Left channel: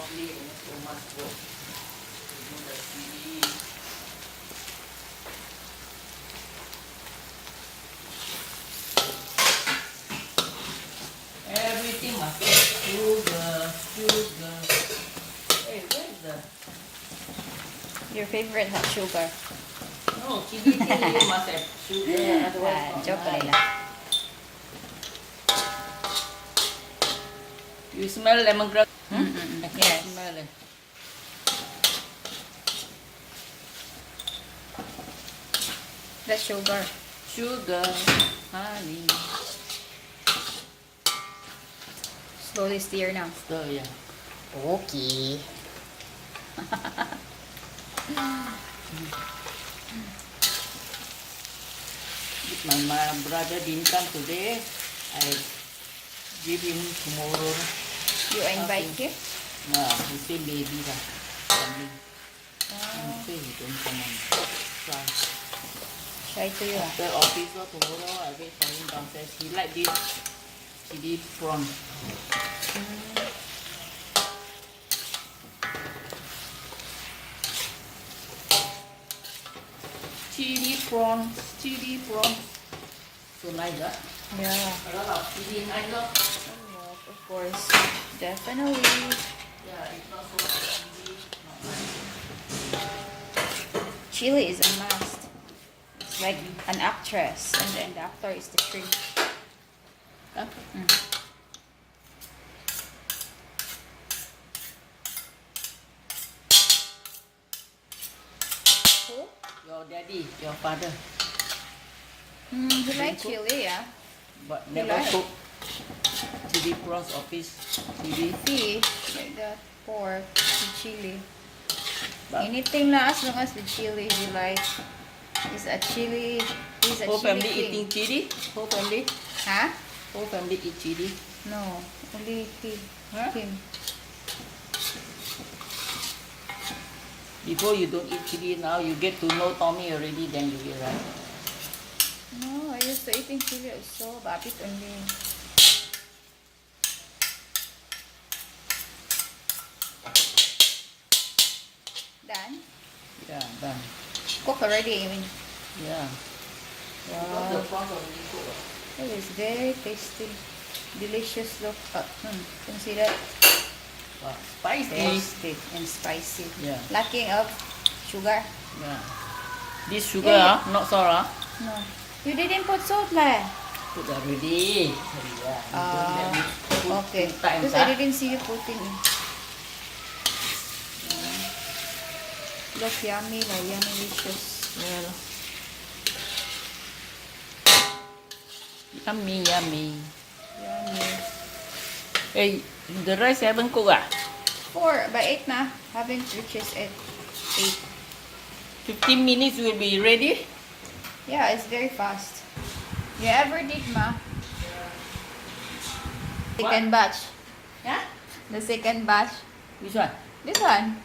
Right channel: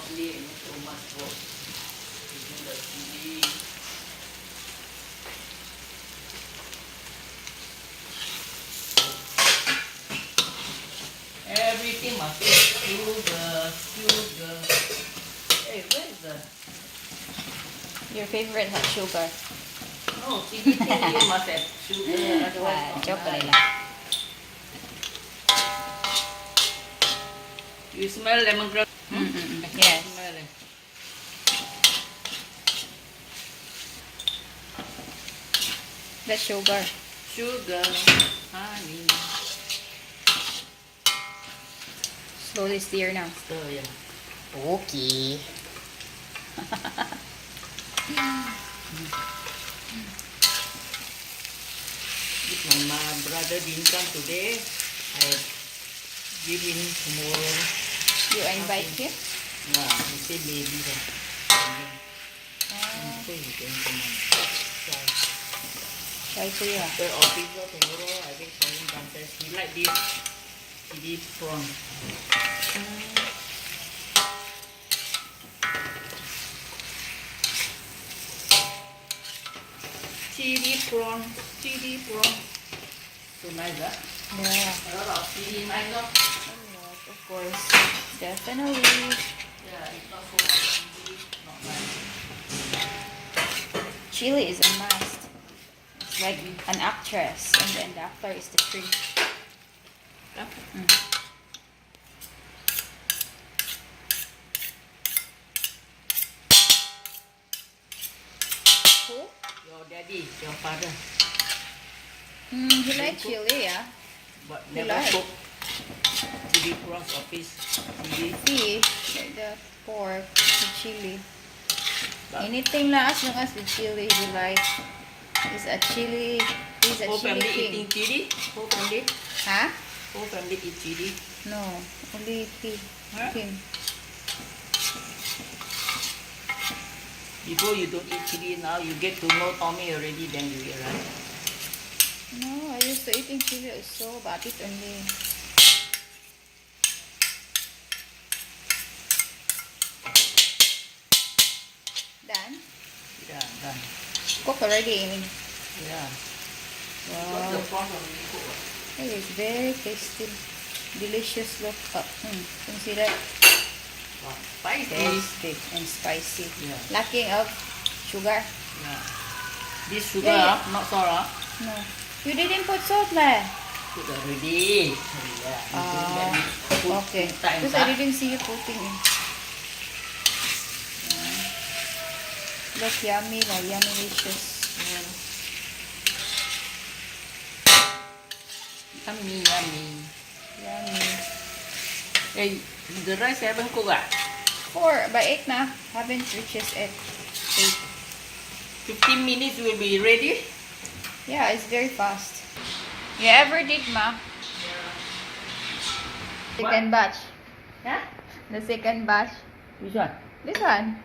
broccoli and so much work. Using the chili. Everything must be sugar. Hey, where is the... Your favorite has sugar. No, chili must have sugar. Otherwise not Joke nice. nila. You smell lemongrass? Yes. Smell it. That's sugar. Sugar, honey. Slowly stir now. Stir, yeah. Okay. If my brother didn't come today, I give him tomorrow. You invite him? No, he said maybe. He said he can come on. Try. Try to you. After office or tomorrow, I wait for him downstairs. He like this chili prawn. Chili prawn. So nice, huh? Yeah. A lot of chili, nice, huh? Of course. Definitely. Yeah, it's not so chili, not nice. Chili is a must. It's like an actress, and then the actor is the shrimp. Huh? Who? Your daddy, your father, He likes chili, yeah. but He never like. cook chili prawns or fish chili. Fish, like the pork, the chili. But Anything na as long as with chili, he like. He's a chili. He's a whole chili family king. eating chili? Whole family? Huh? Whole family eat chili? No, only Huh? him. Before you don't eat chili, now you get to know Tommy already, then you eat, right? No, I used to eating chili also, but a bit only. Done? Yeah, done. Cook already, I mean. Yeah. Wow. The prawns already cooked. It is very tasty. Delicious look. Can you see that? Wow. Spicy. Roasted and spicy. Yeah. Lacking of sugar? Yeah. This sugar, Yeah. not salt, No. You didn't put salt lah. Put already. Yeah. Don't let me put Okay. two times, Because I didn't see you putting in. That's yummy lah. Yummy delicious. Well, Yummy, yummy. yummy. Hey, the rice haven't cooked, ah? 4 by 8 na. Haven't reached 8. 15 minutes will be ready. Yeah, it's very fast. You ever did, ma? Second batch. Yeah? The second batch. Which one? This one.